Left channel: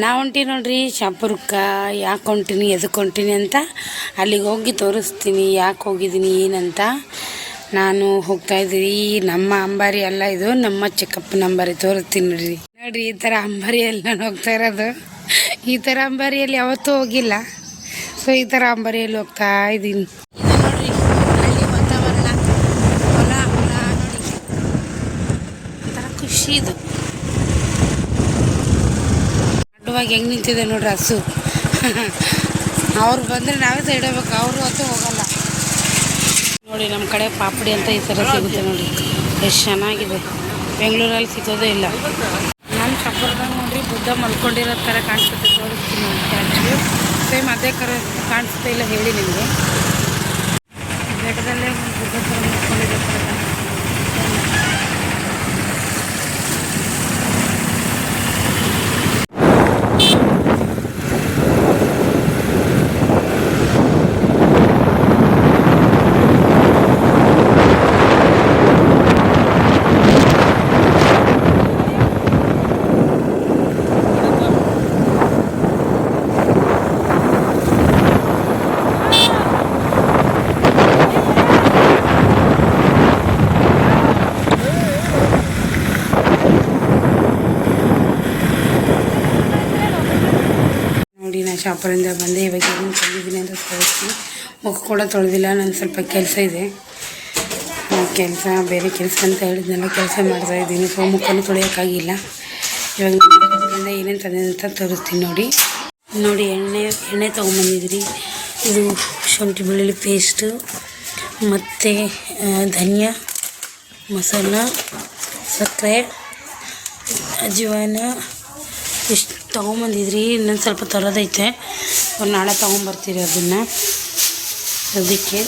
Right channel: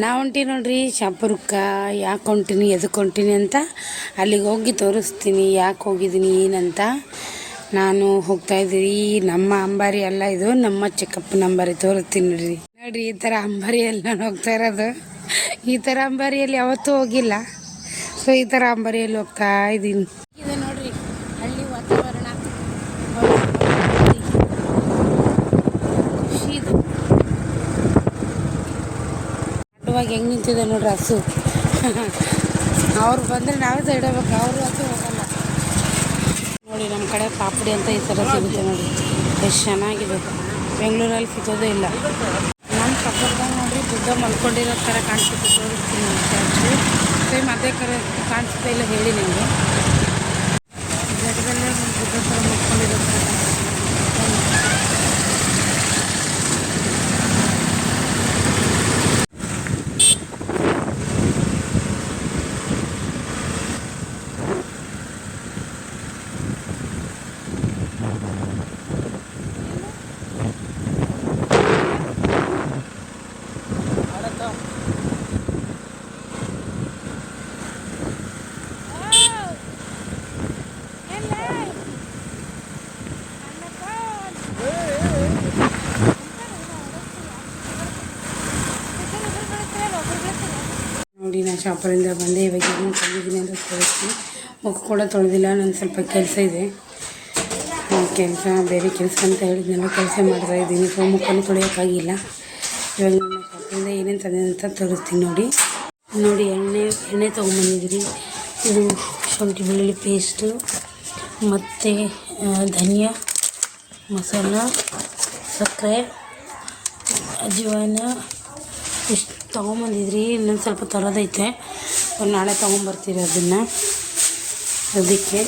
ನಾ ಹೊಂಟೀನಿ ನೋಡ್ರಿ ಶಾಪುರಕ್ಕೆ. ಯಾಕೆ ಹೊಂಟೀನಿ ಎದಕ್ಕೆ ಹೊಂಟೀನಿ ಅಂತ ಅಲ್ಲಿಗೆ ಹೋಗಿ ತೋರಿಸ್ತೀನಿ ಯಾಕೆ ಹೋಗಿದ್ದೀನಿ ಏನಂತ. ನಾನು ಹೋಗ್ತಾಯಿದ್ದೀವಿ ನಮ್ಮ ಅಂಬಾರಿ ಅಲ್ಲ, ಇದು ನಮ್ಮ ಚಿಕ್ಕಪ್ಪನ ಅಂಬಾರಿ. ತೋರಿಸ್ತೀನಿ ನೋಡ್ರಿ. ನೋಡ್ರಿ ಈ ಥರ ಅಂಬಾರಿಯಲ್ಲಿ ನಾನು ಹೋಗ್ತಾ ಇರೋದು. ಈ ಥರ ಅಂಬಾರಿಯಲ್ಲಿ ಯಾವತ್ತೂ ಹೋಗಿಲ್ಲ. ಸೊ ಈ ಥರ ಅಂಬಾರಿಯಲ್ಲಿ ಹೋಗ್ತಾ ಇದ್ದೀನಿ. ಇದು ನೋಡ್ರಿ ಹಳ್ಳಿ ವಾತಾವರಣ, ಹೊಲ ಒಂಥರ ಖುಷಿ. ಇದು ಅಡ್ಡವಾಗಿ ಹೆಂಗೆ ನಿಂತಿದೆ ನೋಡ್ರಿ ಹಸು. ಅವ್ರು ಬಂದರೆ ನಾವೇ ಸೈಡ್ ಹೋಗ್ಬೇಕು, ಅವರು ಅಂತೂ ಹೋಗಲ್ಲ. ನೋಡಿ ನಮ್ಮ ಕಡೆ ಪಾಪಡಿ ಅಂತ ಈ ಥರ ಸಿಗುತ್ತೆ ನೋಡಿ, ಎಷ್ಟು ಚೆನ್ನಾಗಿದೆ. ಬೆಂಗಳೂರಲ್ಲಿ ಸಿಗೋದೇ ಇಲ್ಲ. ನಾನು ಶಾಪುರದಾಗ ನೋಡ್ರಿ ಬುದ್ಧ ಮಲ್ಕೊಂಡಿರೋ ಥರ ಕಾಣಿಸುತ್ತೆ. ತೋರಿಸ್ತೀನಿ ನೋಡಿ ಸ್ಟ್ಯಾಚು. ಸೇಮ್ ಅದೇ ಕಾಣಿಸುತ್ತೆ ಇಲ್ಲ ಹೇಳಿ ನಿಮಗೆ. ಬೆಟ್ಟದಲ್ಲೇ ಒಂದು ಬುದ್ಧ ಥರ ಮಲ್ಕೊಂಡಿರೋ ಥರ ಕಾಣಿಸುತ್ತೆ. ನೋಡಿ ನಾನು ಶಾಪುರಿಂದ ಬಂದೆ. ಇವಾಗ ಏನು ತಂದಿದ್ದೀನಿ ಅಂತ ತೋರಿಸ್ತೀನಿ. ಮುಖ ಕೂಡ ತೊಳೆದಿಲ್ಲ, ನಾನು ಸ್ವಲ್ಪ ಕೆಲಸ ಇದೆ. ಕೆಲಸ ಬೇರೆ ಕೆಲಸ ಅಂತ ಹೇಳಿದ್ನೆಲ್ಲ ಕೆಲಸ ಮಾಡ್ತಾಯಿದ್ದೀನಿ. ಸೊ ಮುಖನೂ ತೊಳೆಯೋಕ್ಕಾಗಿಲ್ಲ. ಇವಾಗ ಶಾಪುರಿಂದ ಏನೇನು ತಂದಿದೆ ಅಂತ ತೋರಿಸ್ತೀನಿ ನೋಡಿ. ನೋಡಿ ಎಣ್ಣೆ ತೊಗೊಂಬಂದಿದ್ರಿ. ಇದು ಶುಂಠಿ ಬೆಳ್ಳುಳ್ಳಿ ಪೇಸ್ಟು ಮತ್ತು ಧನಿಯಾ ಮಸಾಲ, ಸಕ್ಕರೆ, ಅಜ್ವಾನ ಇಷ್ಟು ತೊಗೊಂಬಂದಿದ್ರಿ. ಇನ್ನೊಂದು ಸ್ವಲ್ಪ ತರೋದೈತೆ, ನಾಳೆ ತೊಗೊಂಬರ್ತೀರಿ ಅದನ್ನು. ಅದಕ್ಕೆ